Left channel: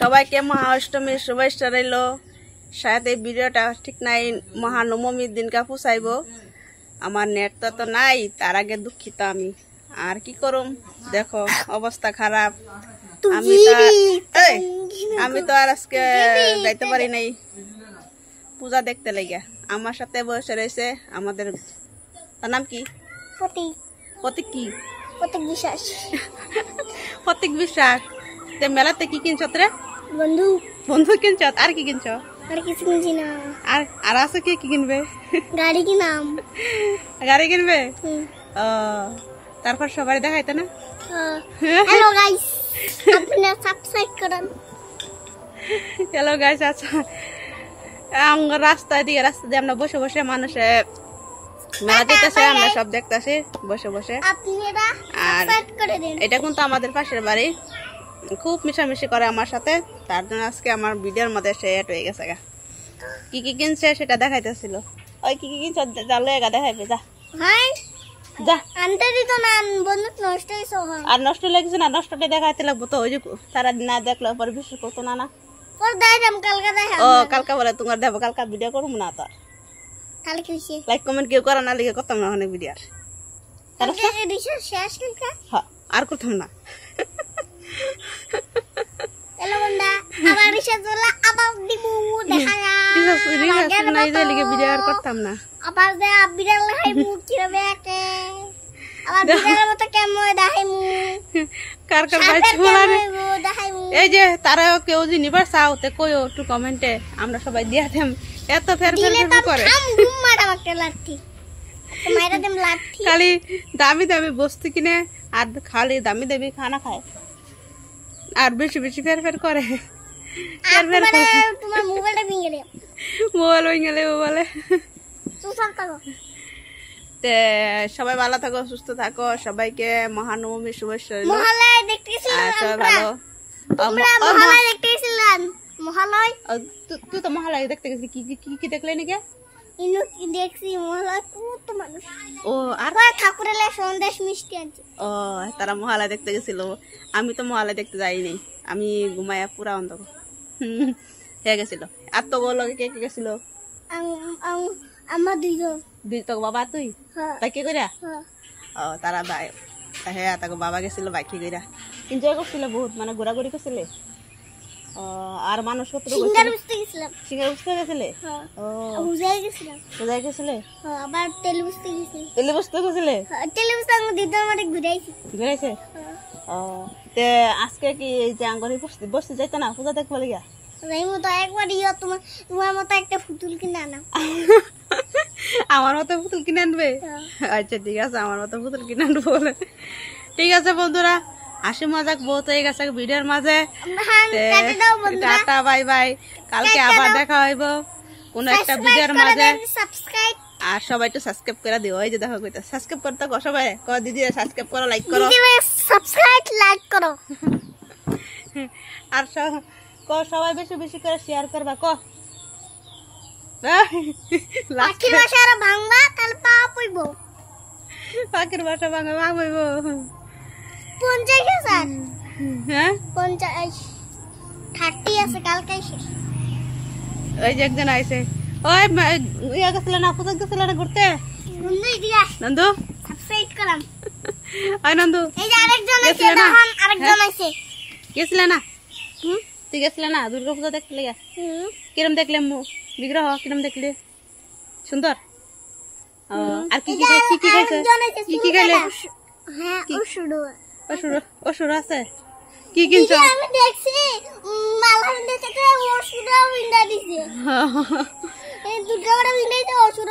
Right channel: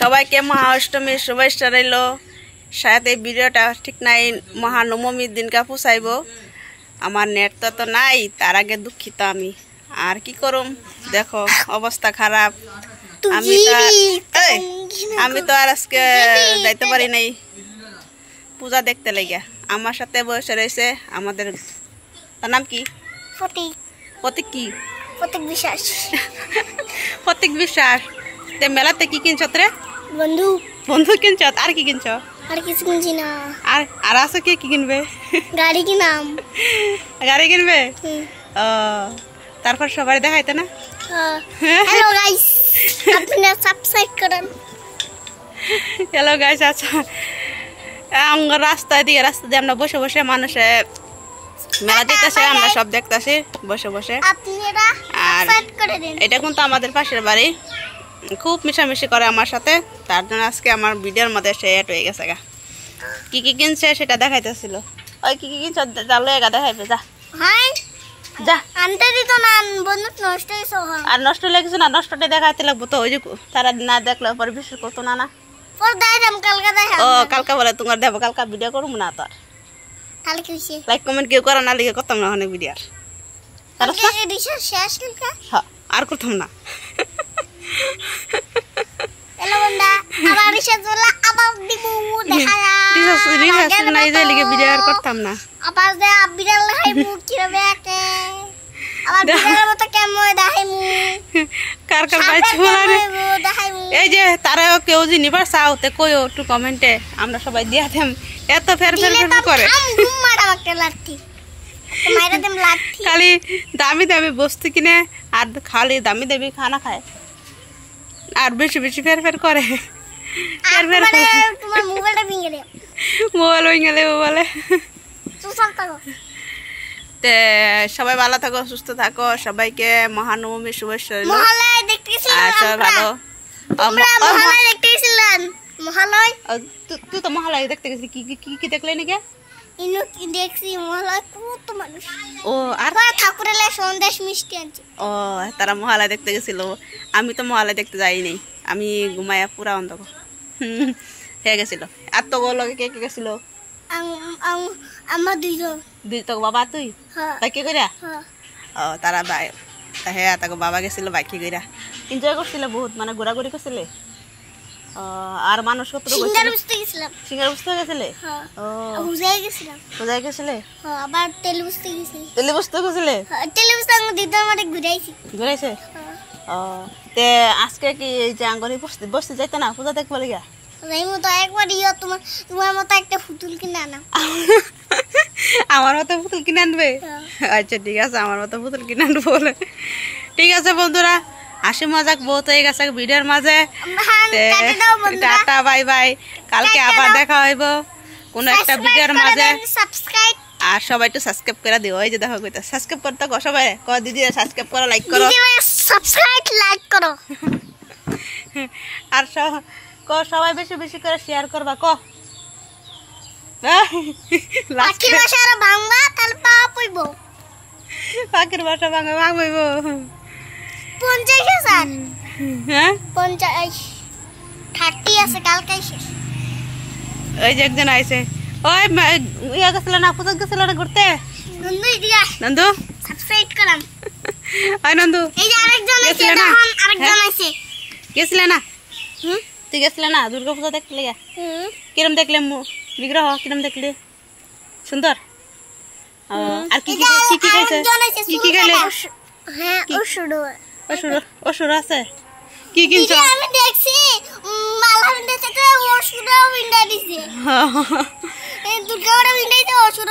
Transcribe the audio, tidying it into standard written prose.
সবাইকে মহাষ্টমীর শুভেচ্ছা রইল। শায়দ এই ভিডিওটা ঠিক নাই মহানবমীর দিনকা পুষাইব। আমার নেট তো নাই, তার আগে দুঃখিত আমি। আর কি করুম, দেখো অবস্থা খারাপ। আমি তো আর আজকে যাইতে পারি নাই পূজা দেখতে লাগিয়া। আমার সাথে বসে রয়েছে আমাদের, তার নাম কি? প্রতীক। কি প্রতীক বিশ্বাস? প্রতীক বিশ্বাস। তে মেলাতে কি কিনছ রে? বন্ধু কিনছ? আর কি কিনছ? আর কিছু কিনছি না। আর আছে কি কিনবে? গাড়ি কিনাম। গাড়ি কিনবে? ও, তারপর সবাই দেখাইতে না? হ্যালো গাইস, আপনারা সাবস্ক্রাইব করেন। Hello guys. আচ্ছা, রাস্তা দিয়ে আমরা বসে বসে মানুষে মেলা দেখতেছে, আমরা সব দেখতেছি বসে বসে। আর এটা কিন্তু আমাদের পাশের বাড়ি, খুব মিশামিশি করে আমার সাথে। তার জন্য আজকে আমার ভিডিওর মধ্যে সে এড হয়ে গেছে। কি কি কিনছে সেটা দেখাইতেছিল। ওই কি কি কিনছ যা দেখাইবে, যা যা। আনতে দিত না, বন্ধু নষ্ট হইছে। আর নষ্ট লাগছে না, নষ্টটা দেখাইতে লাগবো তো। ওই যে তারা না দেখলে পরে বিশ্বাস করতো না। পর দেখাম, কালকে দেখাম। ও, কালকে বলে তোমার দেবো, কালকে ভিডিও করবো না। তো কালকে কি হইছে? লাইক কমেন্ট কেউ করে না, লিখে করতাম না অনেক ভিডিও। কালকে রিসার্চ শেষ কালকে? হ্যাঁ, আর করতাম না। হ্যালো বন্ধা, আবার রিসার্চ হলো, আবার দিমু দেখায়া। রিসার্চ নাই যে লিখে ভিডিও আর করতাম না। আবার দে বিড়াল দেখাইমু কিভাবে একে। আবার বিড়ালের মতো কেমন দেখাইমু। কার বাইছে বলারে দেখাইমু। এই যে তারা কেউ যদি নিবার চাওতে কইও একটু কমেন্টে, আমরা সবাই দিয়া দেম। এত ফের করে ঘুম মারা একটা লাঠি, মাইরা দেম লাঠি। খালি দামি দামি বস্তু কিনে আর খালি দামি দামি খানা খায়, আর বেশি বেশি ফের করে। তোমার মোবাইলটা ভেঙে দেব। মোবাইল ভেঙে দেবো বলে। তে সবাই ভালো থাকো, সুস্থ থাকো। সবাইকে মহানবমীর শুভেচ্ছা। মহালয়া দেখতে গেছিলাম। সবাই ভালো। মহালয়া দেখতে গেছিলাম। মহালয়া তুই তো মহালয়া দেখতে গেছিলি, কি কি কি দেখলে নাকি? ইনু কি দেখছি, মহালয়া কত মানুষ। ও, আর ঠাকুরের সন্দেশ মিষ্টি আনছে। ও, তারা মহালয়া দেখতে গেছিল। আমি তো মহালয়া দেখতে যাইনি, আমি ঘুমাইয়া পুরা অন্ধকার হয়ে গেছিল। আর তো লগে কে কে গেছিল? আমার দুইজন। তো বাবা তুই বাইকে কইরা? ও, তারা ভাই হ্যাঁ, তাকে বাবা গেছিল বাইকে কইরা। এনজয় করছিল বহুত, মানে ঘোরাঘুরি করছিলে। আর মানুষ কত সিঙ্গার বুঝতে গেছিলাম। সিঙ্গার বুঝতে গেছিলে? ও, বুঝাই গেছিলাম। বুঝাই গেছিলে? আবার তেল বুঝতে গেছি। তেল বুঝতে গেছিলে? তেল বুঝতে আমি দিদার মাঠে ঘুরাইছি। ঘুরাইছে? ও, তে আজকে কি এই যে আঙ্গরি বসতে যাইতে না পূজা দেখবো লাগিয়া? যাইমু তো একবার। তোমার মতো একটা পুতুল কিনে আনাম। আমার মতো পুতুল কিনে আনবে? আচ্ছা ঠিক আছে, আমার মতো পুতুল কিনে আনবো বলে। ঠিক আছে বন্ধুরা, হাসি মজাক বহুত হয়ে গেছে ভিডিওর মাঝে। Tata, bye bye. কালকে আবার দেখা হইব কোন একটা ভিডিওর মাঝে। আর সবাই একটু সাবস্ক্রাইব করে দিও। ওই যে দেখো কইতা সাবস্ক্রাইব করতে কো, সবাই কো দিদি সাবস্ক্রাইব করো, লাইক করো। সাবস্ক্রাইব লাইক করো। আর সবাই বেশি বেশি করে শেয়ার করবা। ক পাখির ভাষা আর বাংলা তাহলে পাওয়া পড়ব। পাখির ভাষা বাংলা ভাঙবইব। 50,000। হ্যাঁ 50 30 আছে, কালকে শেষ। ওই যে একজন আইছে। ওই ইয়া গেছিল না, পূজা গেছিল না ঘুরতে? নন্দু ইদিয়া। নন্দু সাবস্ক্রাইব করাম। আই নন্দু, এই যে আরেকজন আছে, দেখুন আরেকজন আছে। গেছিল না? তুই গেছিল না দুর্গা পূজা দেখতে লাগা? কিরম দেখলে বিগ্রহ? কিরম দেখলে? সুন্দর? আর কি কি খাইছে? কি কি খাইলে? হ্যাঁ, অসুর আছে। কি কিনছ? আমি দেখছি মালা ভিন্ডাইছে, অসুর ভিন্ডাই দিছে। দুর্গা ভিন্ডাইছে, অসুর